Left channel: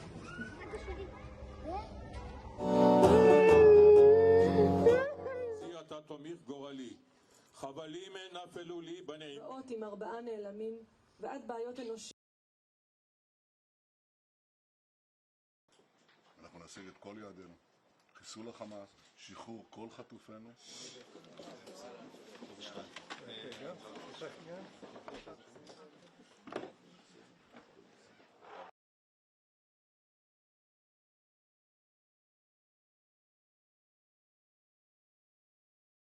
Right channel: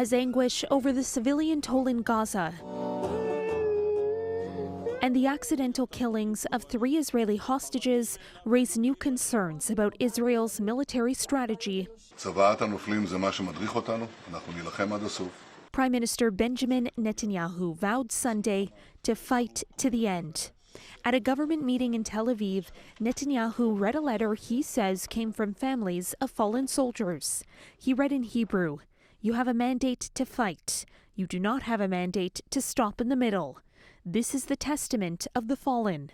as anguish over the civilian toll in Gaza and the accidental killings of 3 Israeli hostages raise new concerns about Israel's military strategy. Prime Minister Benjamin Netanyahu vowed Sunday to fight to the end. At a government meeting in Tel Aviv, Netanyahu read a letter he says came from families of fallen soldiers. He read in Hebrew, "You have a mandate to fight. You do not have a mandate to stop in the middle. This is the testament of the fallen."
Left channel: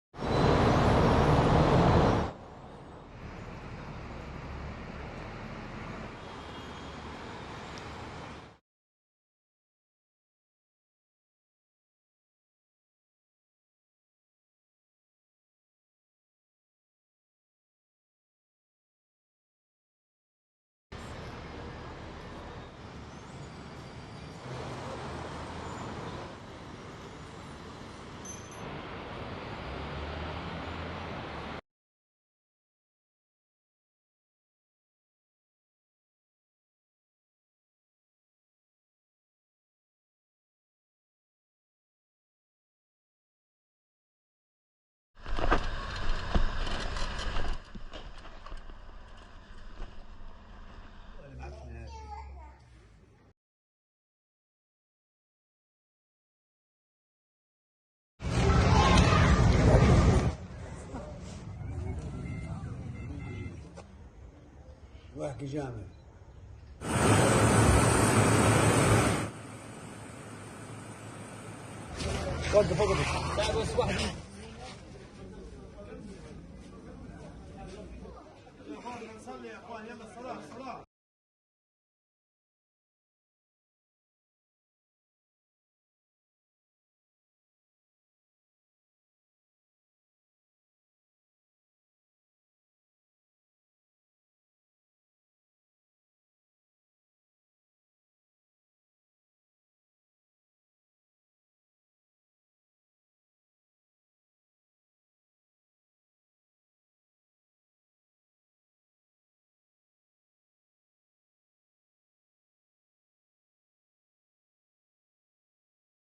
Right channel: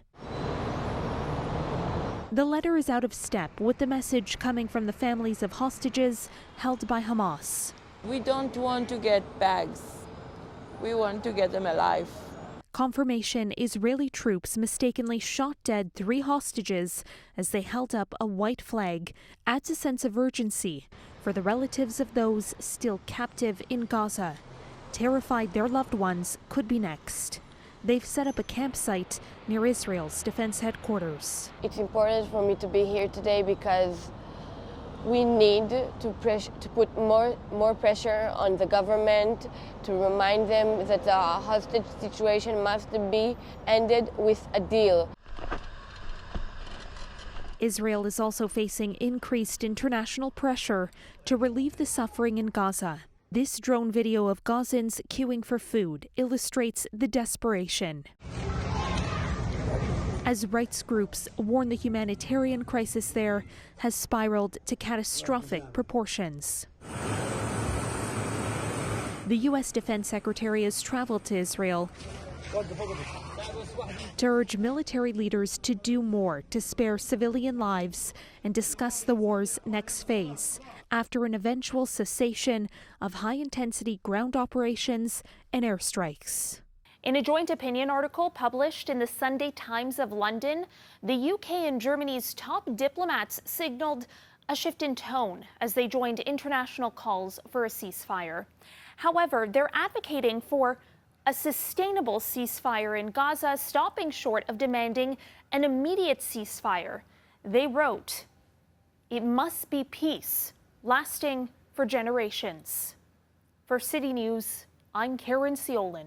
The letter is out of step with the message coming from the families of hostages held by Hamas. We don't want to get bags. We want to get them alive. Confirmation Israeli troops mistakenly shot dead 3 hostages as they held up a white flag adds a sense of urgency for the relatives of those still captive in Gaza, terrified their loved ones could be next. They've set up a campsite near Israel's defense headquarters. It's important for me to be here today because we need to put more pressure on the government to remind them that the hostage situation must be ended with a deal. Israel is also facing increased international pressure to relieve the suffering in Gaza. This drone video of Gazans queuing for food illustrates the desperation. As rights groups warn the humanitarian crisis there has spiraled to catastrophic proportions. The U.S. Defense Secretary has traveled to Israel to urge military leaders to do more to spare civilian lives and discuss the war's next phase after an eventual cessation of high-intensity ground operations and airstrikes. In a joint opinion article published in the Sunday Times of London, the UK and Germany's top diplomats signaled a shift in tone as they joined international calls for a ceasefire. However, they're advocating for a sustainable ceasefire in Gaza, stopping short of demanding an immediate ceasefire. They wrote, "It must be peace, lasting for generations." For City News, I'm Caryn Ceolin.